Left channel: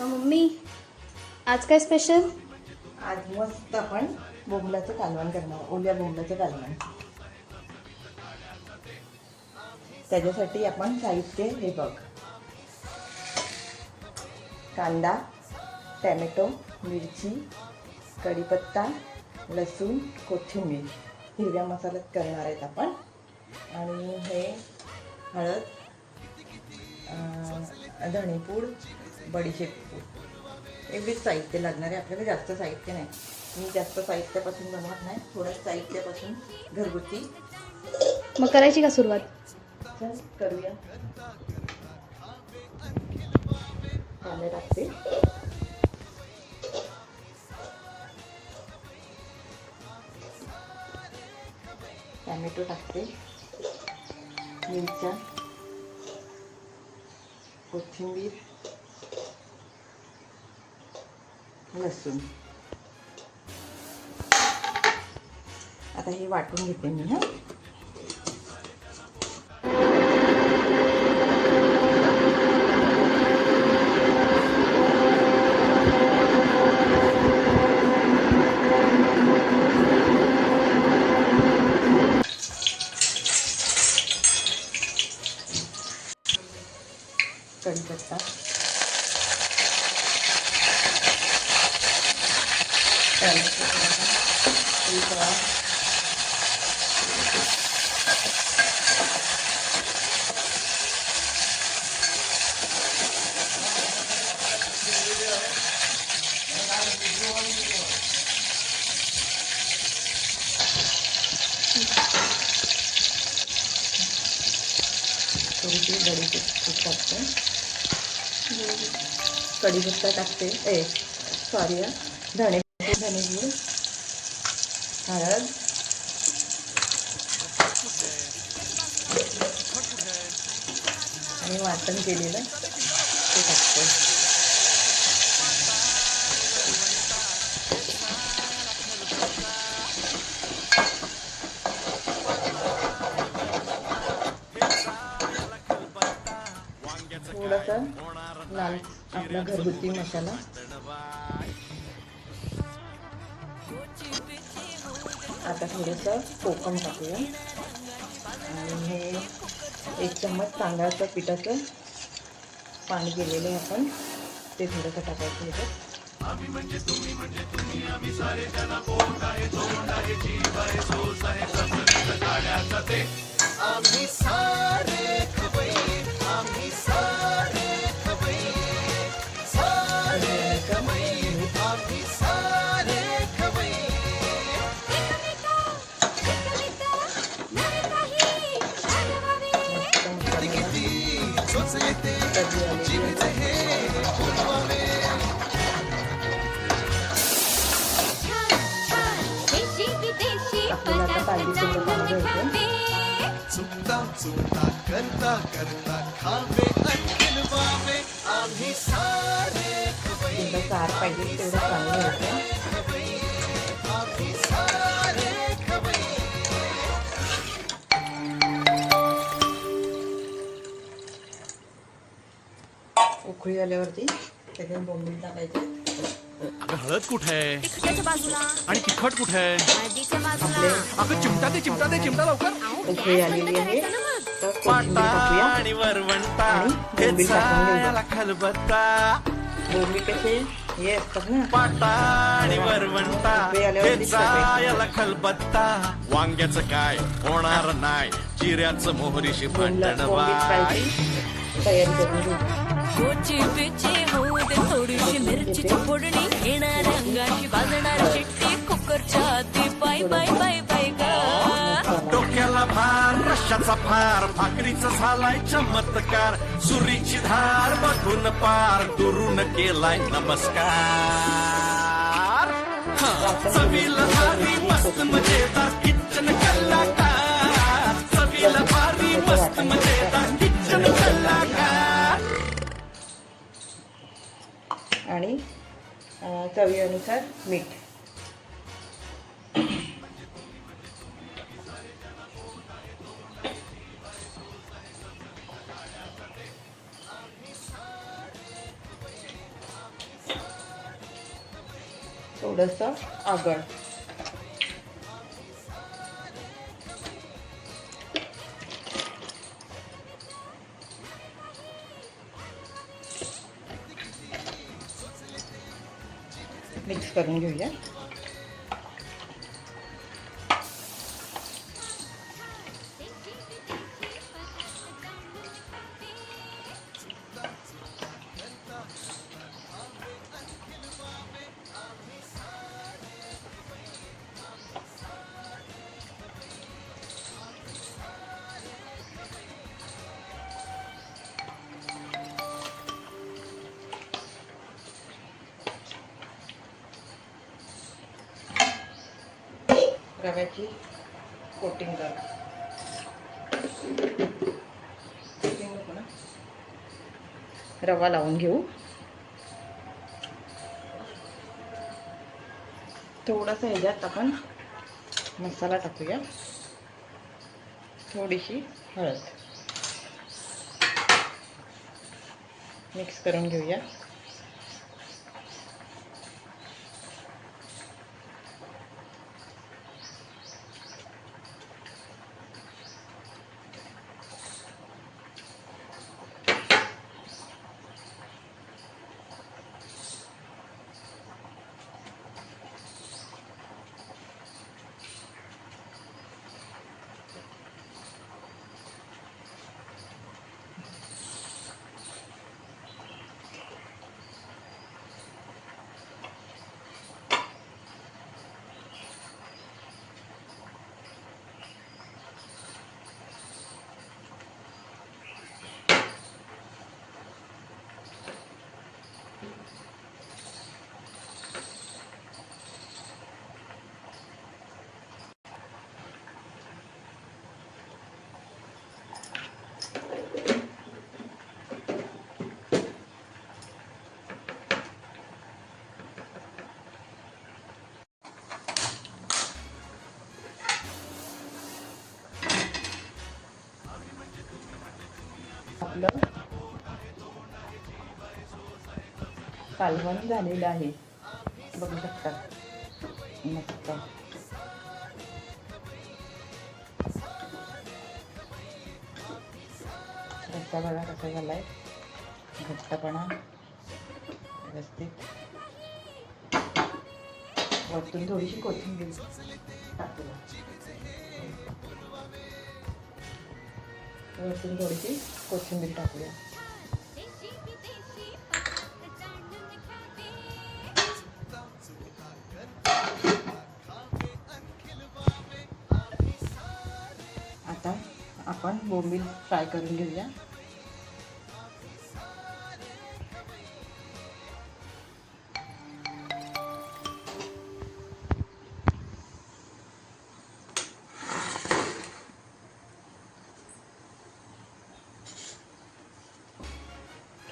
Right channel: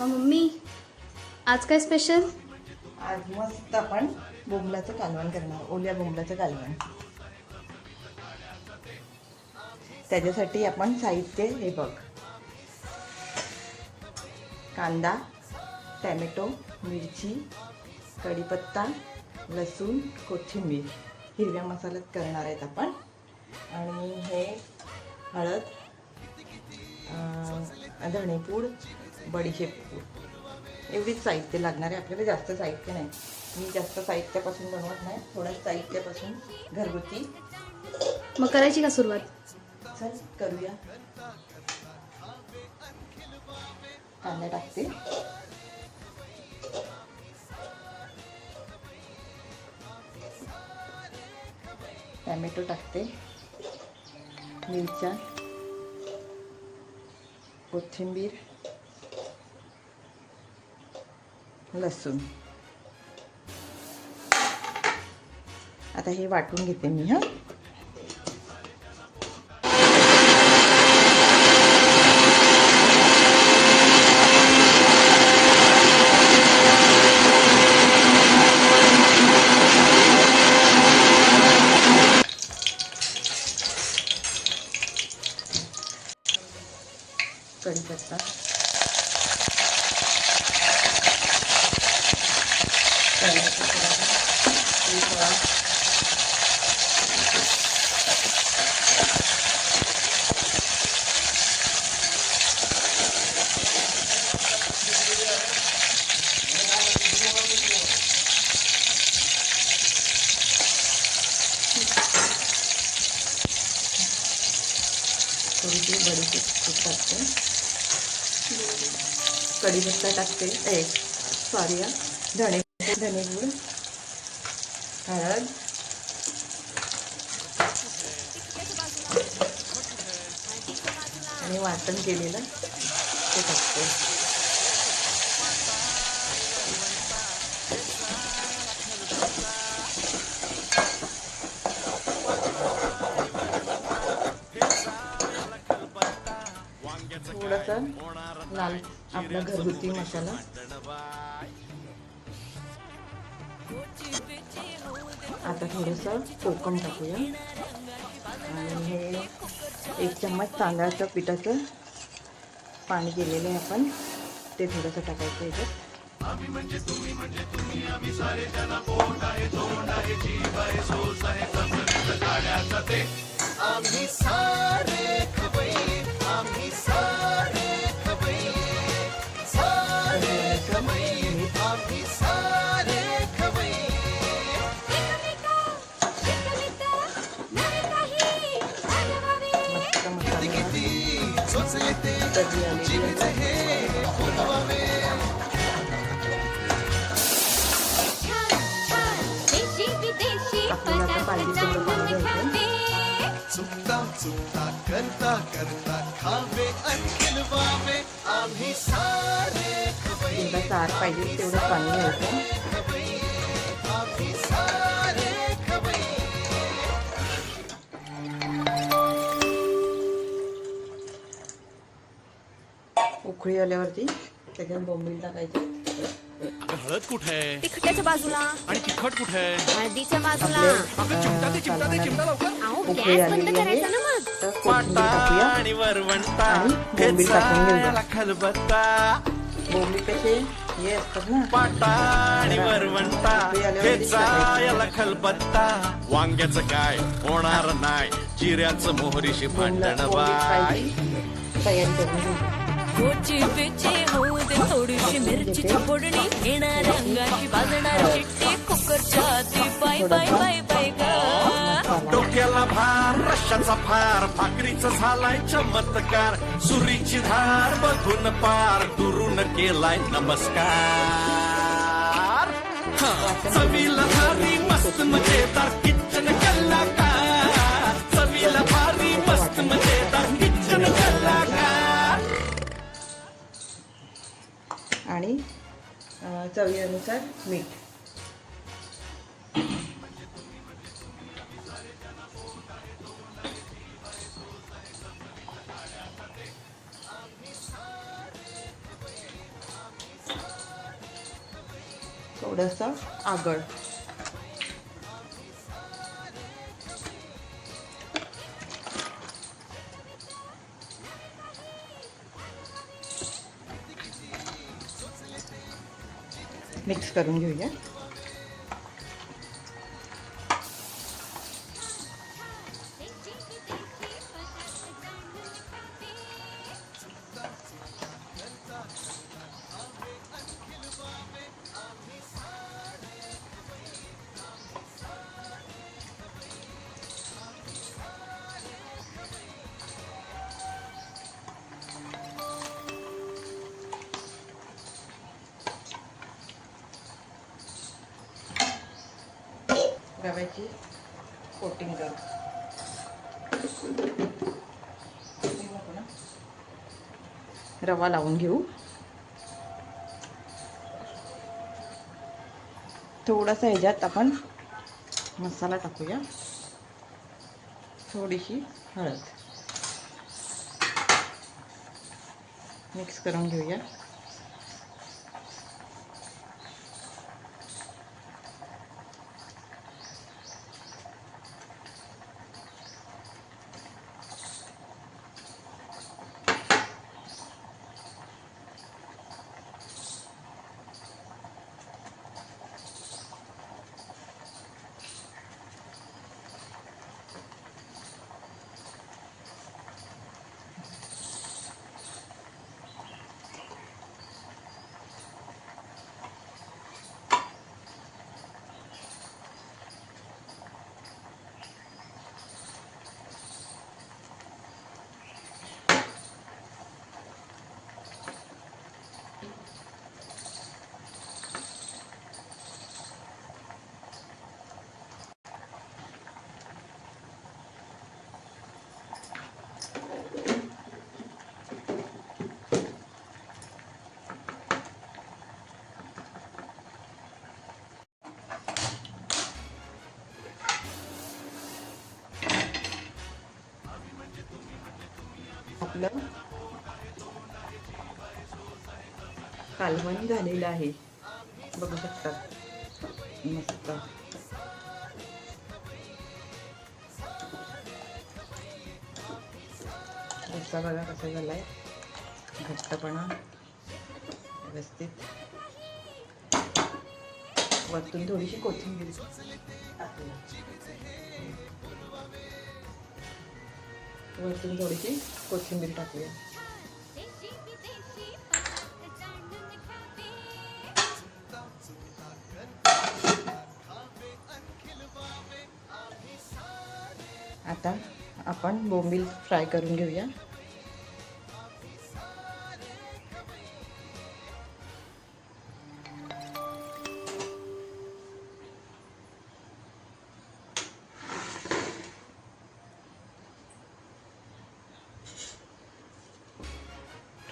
मग मम्मी आज काय स्पेशल आज मस्त आपण बोंबलाचं कालवण करणार ओल्या बोंबलाचं कालवण. त्याच्यासाठी आपण साहित्य हे बघ. कांदा टॅमॅटो मिरची कढीपत्ता लसूण कोथिंबीर हिरव्या मसाल्यात करणार आहेत आपण. आणि हे हळद धणेपूड बडीशेप एवढीच साहित्य लागणार आहे आपल्याला जास्त साहित्य नाही. मी जास्त साहित्यापासून जमत नाही थोड्या साहित्यापासून घरगुती. मग करायची का सुरुवात? चल करूया. कांदे टाकते. टॅमॅटो टाकते. मिरच्या. कोथिंबीर. लसूण. आता हे वाटून घेते मी हां कढीपत्ता टॅमॅटो थोडासा, तेल थोडा. थोडीशी बडीची तूप टाकते कढीपत्ता टाकते. ए सॉरी धणे धणेपूड हळद. आणि वाटण केलेलं. ते टाकते. थोडंसं लाल आपला घरगुती मसाला. आता थोडंसं कोकम टाकूया. आणि हे एक चम्मच तांदळाच्या पिठाचं पाणी दिलेलं आपण. ते थोडंसं टाकायचं होतं आम्ही सारे आम्ही करता करता खावे आम्ही सारे घ्यायचं खवई आम्ही सारे उकळी आल्यावरती त्याच्यात बोंबील टाकायचे. अगं हळद कुठे? आहे तिखटाच्या बाजूला. आणि तिखट कुठे? आहे हळदीच्या बाजूला. अगं चिमटा दे चिमटा दे चिमटा लवकर. अहो गॅस बंद करायचा ना मग. टाकूया आणि वरवंटा खलबत्ता हे असतात ना पाटा आणि वरवंटा हे याला खलबत्ता वांग्याचं काय होणार नाही चिऱ्याचं मोहरीशी भांडण बाय कोची पिची होऊ दे थोडीशी मिरचीची फोडणी येणार अंगाची बाजणार शिट्टी कुकरच्या आधी बाय बाय बाय बाय ग गेला भार रश्याचा फार भाकरीचा झालाय चमत्कार. सुरीची धार बघून पार दुरून केलाय नमस्कार. चवीला भारी मस्त मजेदार किचन कलाकार. चवीला भारी मस्त मजेदार किचन कलाकार. आणि चवीनुसार मीठ. थोडंसं आगळ. मिक्स करून घेऊया. रव्याची कोटिंग कर. रवा लावून घेऊ. थोडासा ह्याच्यात आपण मसाला टाकूया. थोडीशी हळद. मिक्स करून घेऊया आपलं कालवण झालेलं आहे. बघू शकता. मस्त रस्ता बघा कसा झालाय. घट्टपणा. व्यवस्थित. वरतून थोडीशी कोथिंबीर वरतून थोडीशी कोथिंबीर टाकूया. बोंबील फ्राय करून घेऊया.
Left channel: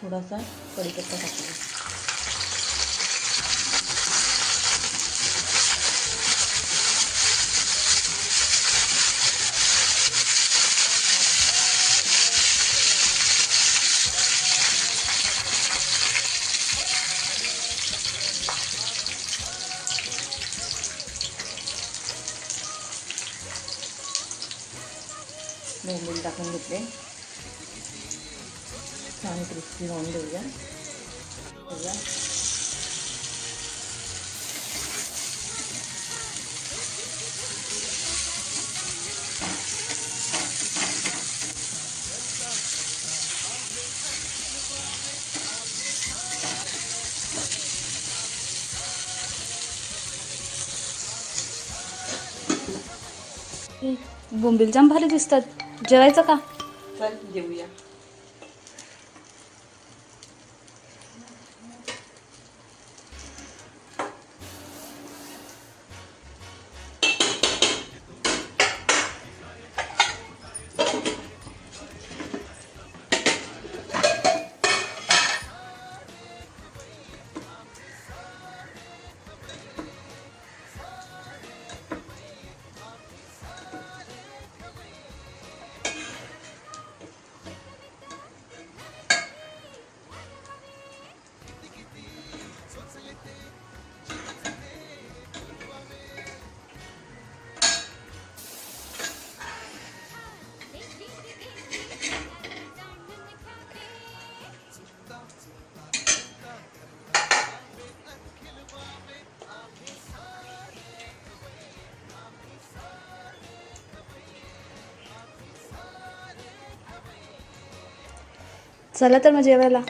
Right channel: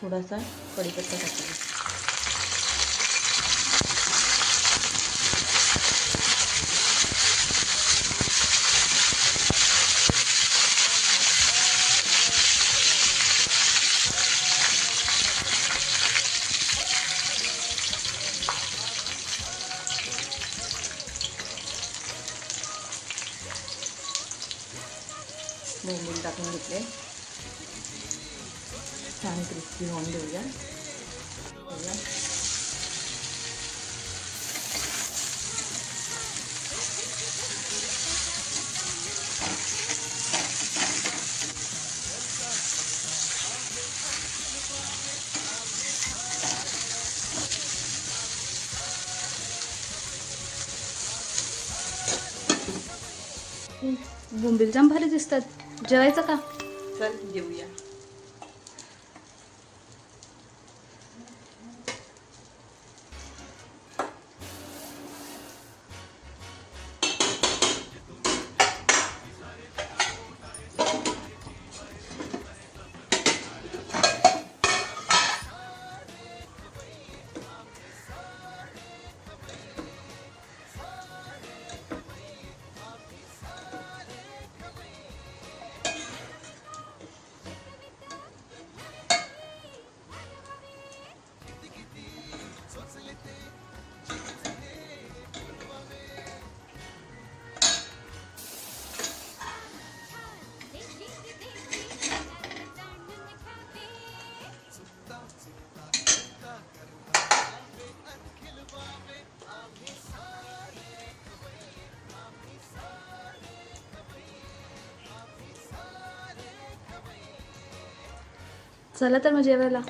थोडासा कढीपत्ता टाकूया बोंबील टाकून घेतले छान क्रिस्पी होऊन देऊया देऊया बोंबील जाम भारी दिसतात जेवायचं का? चल देऊया. चला तर मग जेवायला.